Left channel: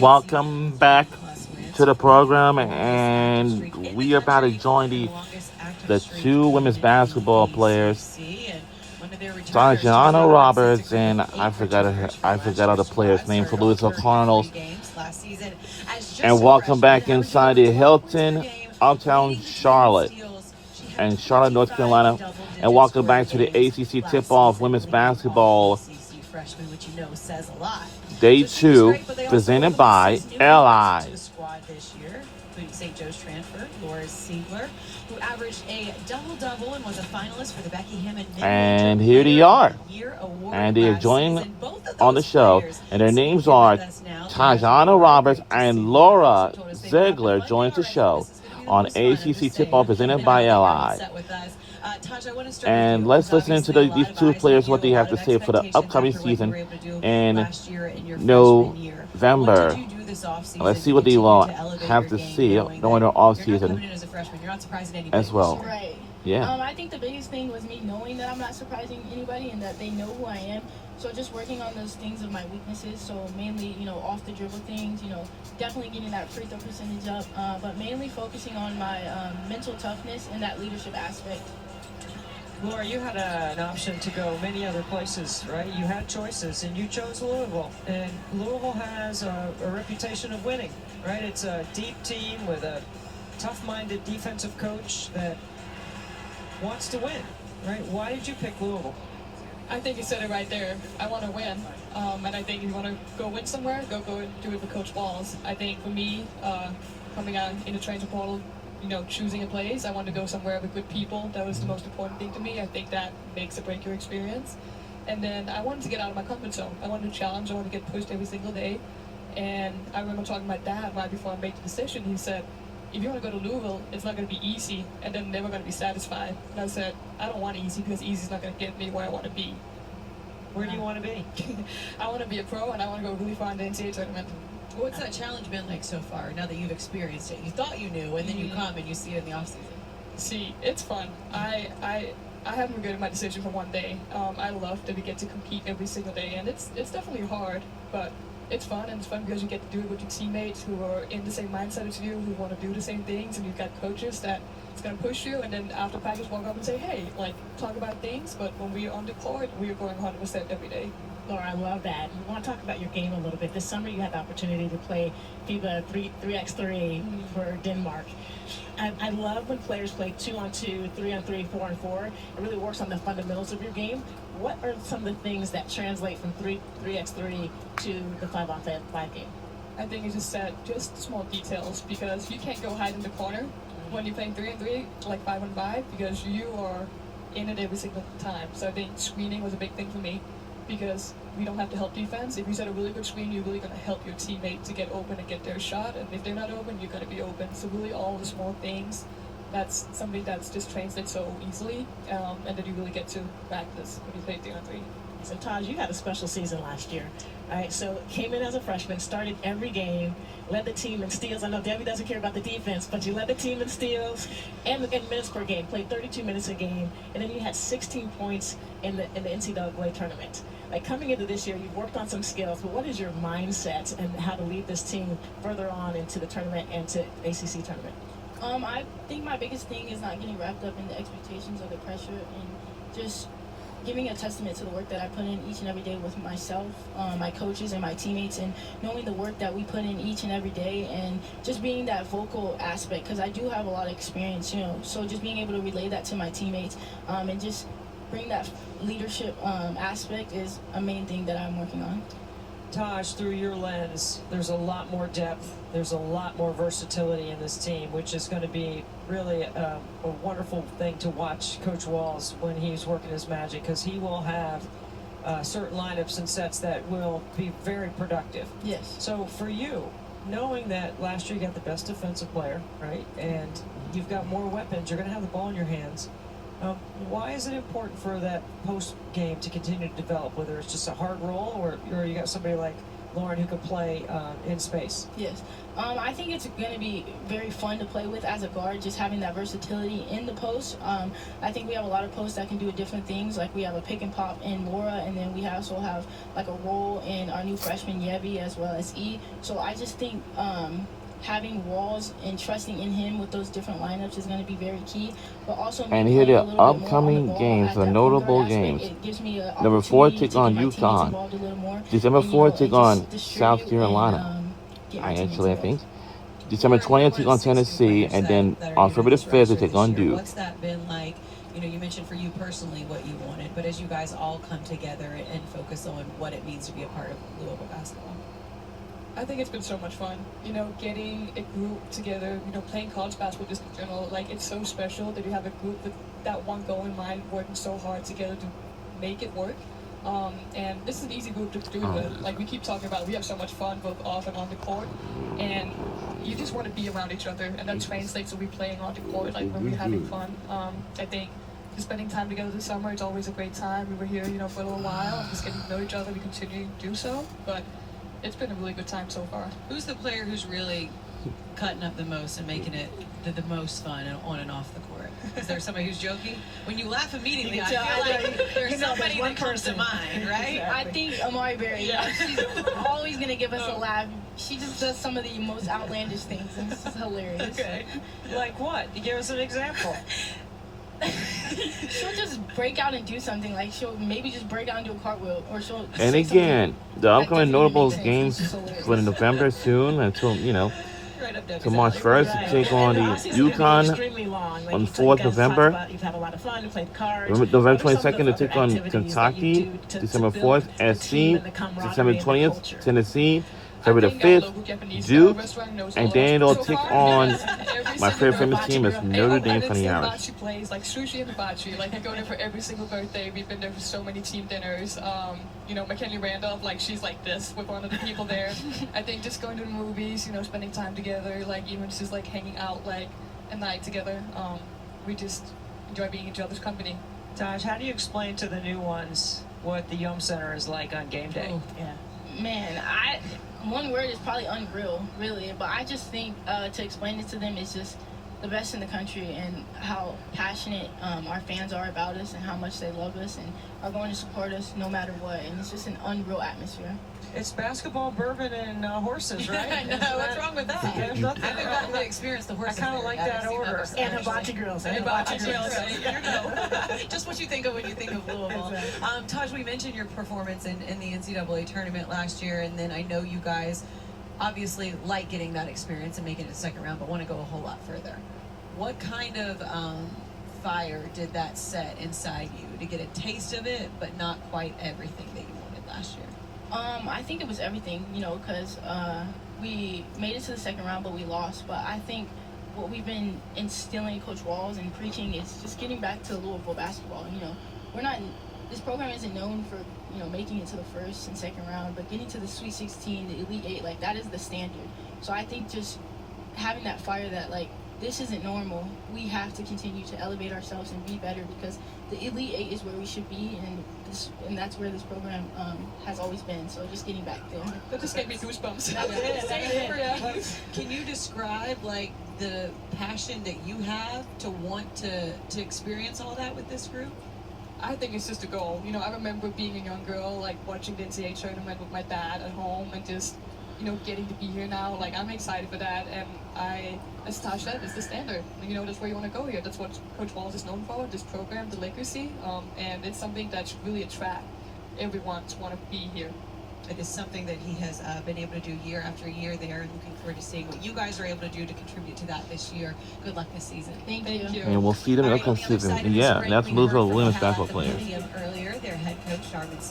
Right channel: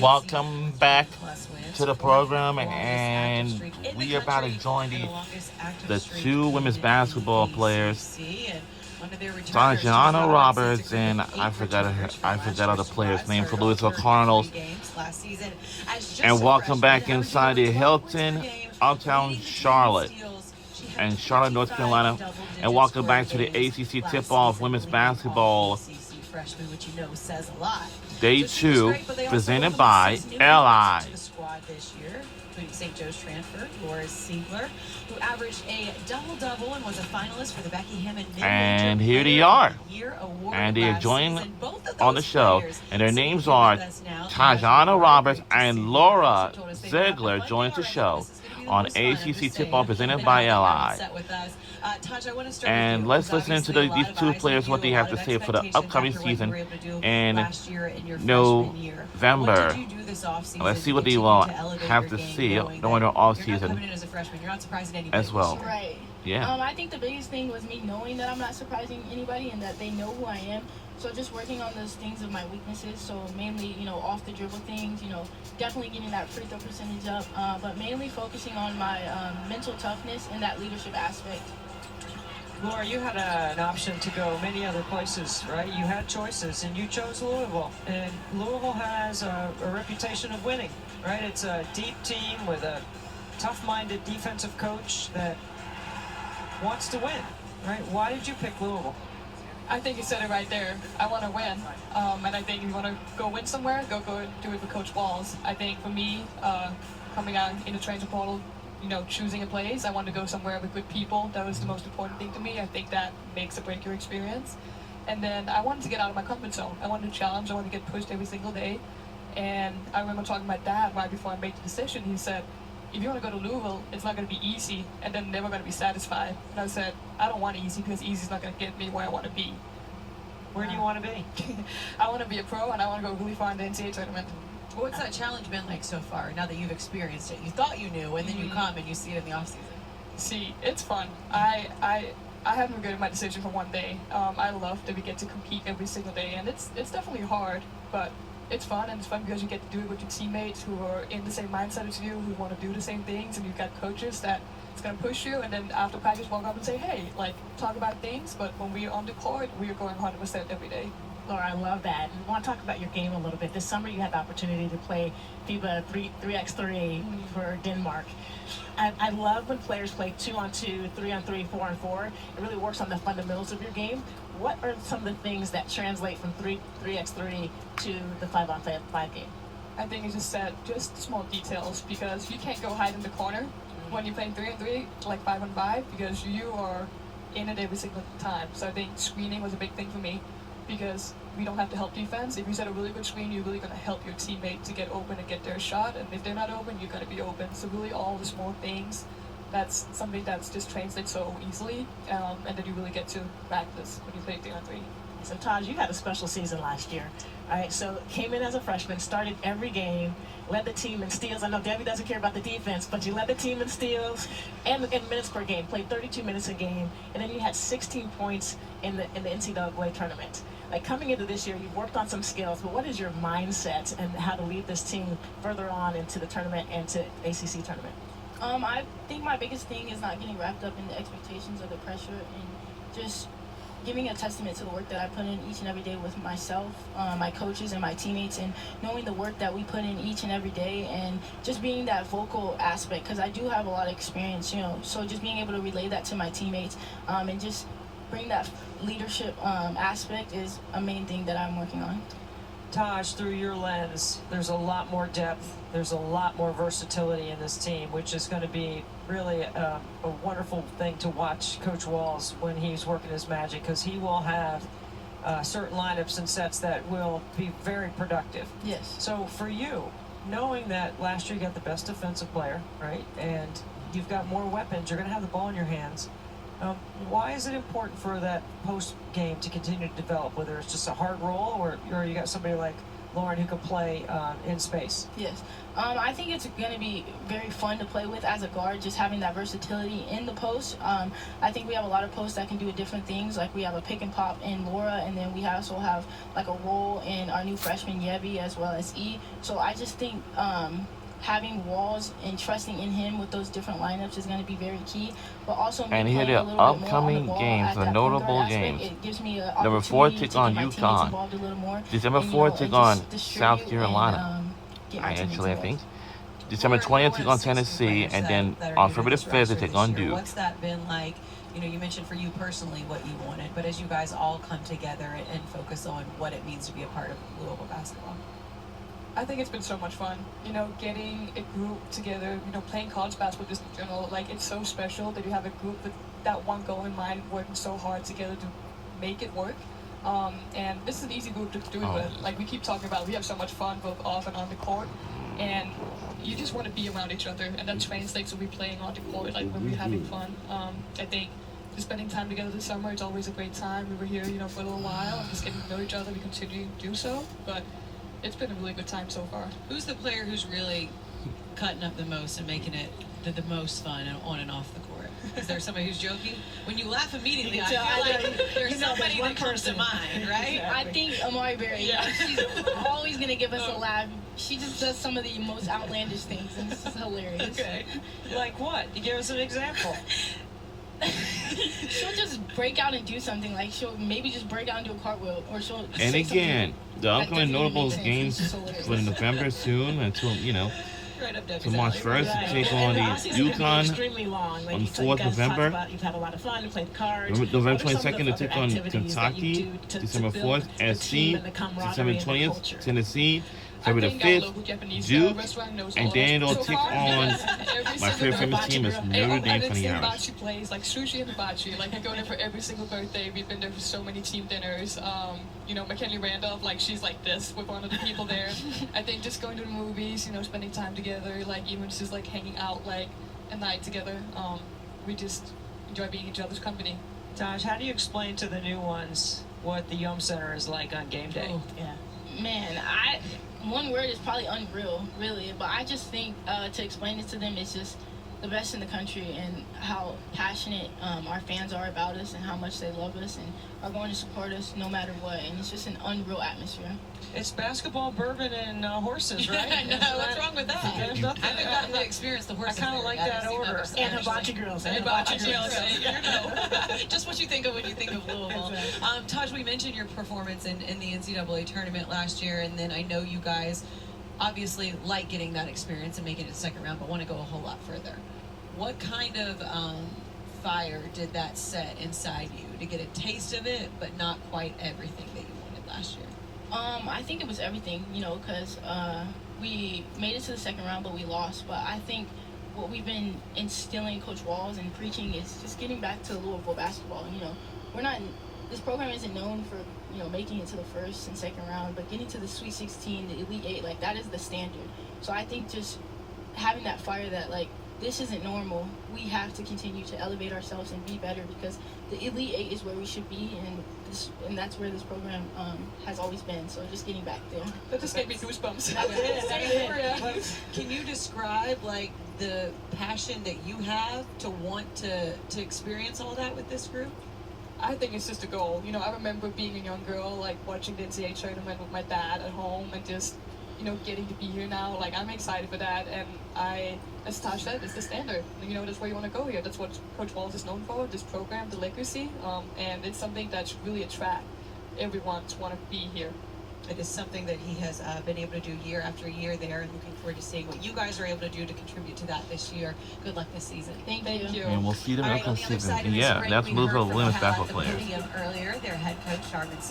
Welcome back to the program, and we are about to join the two women's basketball players, Tatiana Roberts, and I forgot other players' name for Louisville Cardinals. And welcome back inside the Hilton, Uptown Charlotte, and Charlotte, North Carolina, and welcome back to the ACC tip-off women's basketball Day 2, presented by LI. St. Joe's transfer, Laura Siegler, who averaged a double-double and was a finalist for the Becky Hammond. And here they are. And they are joining on the show. And their names are Tatiana Roberts and Laura Ziegler joins the show on ACC Tip-Off presented by LI. And let's listen to these two players, what they have to say for the upcoming season in November. Let's see what they will have to see during their off season as well. Right. Yeah. I think the biggest thing was me knowing that I'm not surprising anybody and that they know who I am. So just working on those things of my weaknesses. So mainly, off the dribble things, definitely getting that free throw percentage up, but mainly focusing on my mental toughness and that leadership aspect. Laura, you had an option to go many other places, right? You had choices, and you chose Louisville. And Louisville has a reputation of winning, right? It's a deep team with a tough-minded defensive coach that wants to win, right? Why did you pick Louisville? I think you said it right there. I want to win, and I think if you want to go win somewhere, go do it with Coach Walls. I think for me, coming out in the transfer portal, choosing a place, I wanted to go somewhere with good people. That was the most important thing to me. I think that makes or break your experience. And then I wanted to get out of my comfort zone. I wanted to challenge. I wanted to get pushed every single day. And I remember talking to my dad right before I made the decision. He said, if you want to go to Louisville, it's not going to be easy, and then never going to be satisfied. And I said, I don't want easy because easy's not going to get me where I want to be. Where do you want to be? I want to be a pro, and I want to go really far in the NCAA tournament. What's that challenge been like so far, now that you've experienced it? You thought you knew, and then you come and you see it in the offseason. See, it's fun. I haven't regretted my decision for one day. I love that we get to compete every single day, and it's definitely hard, but it's fun, and it's fun because you get to do it with your teammates who are in the same mindset as you, who want to do the same things, and you've got coaches that it's going to push you, and then after practice walk up and say, hey, talk about things, but when we're on the court, we are going 100% every day. Laura, I love that. You want to talk about your game a little bit. This summer you had the opportunity to play FIBA 3x3 for Denmark. I love when players play 2-on-2, 3-on-3, 4-on-4. It really works on the fundamentals of your game. What are some of the things that translate from 3x3 to the 5-on-5 game? I think it's just small details, because you can't go hide in the corner when you're playing 3-on-3, like 5-on-5, because you are in it every single time. So I think screening was a big thing for me, because we don't have to help defense. If you set a really good screen, you're really going to help your teammate to get open and get their shot. And if they're not open, you're going to be open. So really all the small things, that's something that's just translates so easily, and then you really get to practice when you play 3-on-3. So Taj, you had a special season last year, right? So came in as a freshman, started every game, led the team in steals. I know Debbie doesn't care about the defense, but you led the team in steals and in minutes per game, played 32 minutes a game, and then you had 16 points in the NCAA tournament. Like, coming into this year, you've worked on some skills, but what is your mindset and how to lead this team further on into the tournament and to ACC tournament? I think my biggest thing is not getting wrapped up in the expectations or the pressure, and just giving a testament to the work that I put in each and every day with myself, my coaches, and my teammates, and knowing the work that we put in each and every day, and just being that vocal aspect, because I do have a lot of experience, so just being able to relay that to my teammates, and just bring that leadership aspect is a main thing that I'm working on. Taj, through your lens, there's a lot more depth, there's a lot more versatility in this team, which is going to be really a wonderful thing to watch Coach Walls when he's working his magic, because he will have certain lineups and sets that will be very productive. Yes. So for you, knowing that last year you got the best defensive player, right, and you've got more weapons, you're going to have the ball in your hands, why is it important for that post game to continue to develop, whether it's just a hard roll or you got somebody like Lauren, who can play in space? Yes. I think it's going to be very fun to play with as a guard, just having that versatility in the post. I think we have a lot of posts that can do different things. Like we have a pick and pop in Laura, and then we also have like a roll in our new freshman Yevi as well as E. So I just think having Walls and trusting in him with those different lineups is going to be very key. But also, And here are the upcoming games, the notable games. It gives me an Number 4 opportunity take to on get my teammates UConn. involved a little more. December And, 4th and take just on distribute South Carolina. get my teammates Actually, I involved. think. December 20th take on Tennessee, and then on February 5th they take on Duke. What's that been like? You know, you mentioned for you personally what you wanted, but as you guys all come together and focus on what it means to be a part of Louisville basketball. I think it's been so much fun, you know, getting a group together, you know, playing college basketball just in general. Like, it's so special that you have a group with that one goal in mind, working so hard together to make it work. And this is an easy group to do it with. Like we keep talking about, we have so much fun both off and on the court, and you just want to be around each other, and that translates to we playing on the court, like when we're having fun. I think just spending time together this summer is always a great time. We were here, you know, for a little while, and just getting to know each other. We continue to do so, but it's been a really good time so far. Who's the player who's really cutting up the most and making it the most fun and on and off the court? Is there somebody who's joking? When you laugh immediately, I feel like there's somebody that comes to mind, right? Exactly. I think Amari Berry, she's always going to give us a laugh. She just does some of the most outlandish things, and it's hilarious. Okay. Like what? You give us an example. She'll just break out and do something, like she'll maybe just break out and do a cartwheel, or she'll And say again, the that upcoming doesn't notable make sense. games It's hilarious. for November soon until, you know, Right up there. to March 1st to take on the UConn UConn on 4th November. You've had a lot of fun, you played cards. November 22nd to take on Kentucky. December 4th, SC. December 20th, Tennessee. February the 5th, Duke. And then they'll take on my favorite famous team is Notre Dame Funny Irish. Hibachi plays, like sushi and hibachi. Like I go there for every single birthday. We've been there for so many team dinners. You know, McKinley Randolph, like she's like this with one of the people there. I think just going to the movies, you know, spending time together, like even just like hanging out like a night together. We just enjoy being each other's company. Taj, how do you explain to the new ones what the Yum Center is like on game day? Oh, yeah. Man, one word is probably unreal, really. But I just think to explain it to them is just the best in the country, and how passionate our fans are about us, and how much they love us and are going to support us no matter what. And it's just an unreal atmosphere. It's basketball, bourbon, and horses, right? I know, what's wrong with that? I haven't gotten to experience the horse. I kind of like that order. And hibachi girls. And hibachi girls. You know, just what you think of when you think of Louisville. Exactly. Taj, we mentioned your performance in the NCAA tournament last year, and then I know you guys obviously like getting that experience and making it second round, but want to go a whole lot further. What kind of fire did that set inside you to get a taste of it, but not quite everything that you wanted last year? I think it was everything, you know, because we made it to the second round, but we lost. But I think what we've been instilling Coach Walls and preaching is just getting back to Louisville basketball. You know, this program isn't known for, you know, making it to the first and second round, but getting to the Sweet 16, the Elite 8, like that is the standard. So I think just having that fire that, like, this isn't normal. We have to continue to elevate ourselves and be better, because the Elite 8 is where we should be, and that's where this program has always been. So just getting back there. That just gave me goosebumps. Can you describe like the passion that you have to want to experience all that with this group? I think it's just a goal. You know, I remember being a young girl, like watching the NCAA tournament with my dad at home, and just, you know, getting to be here now. Like, I'm excited for that, and as Taj said, it's the standard. You know, that's where you want to go here. That's what Coach Walls is known for, this program, the legacy, and it's something that should really attract everyone to want to be here. It is something that he has been able to do year after year there, and looking forward to seeing what you guys are able to do to contribute to that this year. Good luck this season. Thank you. And we'll see them in the upcoming season. Yeah, that's Louisville women's basketball players. Earlier, their head coach, Charmin Smith.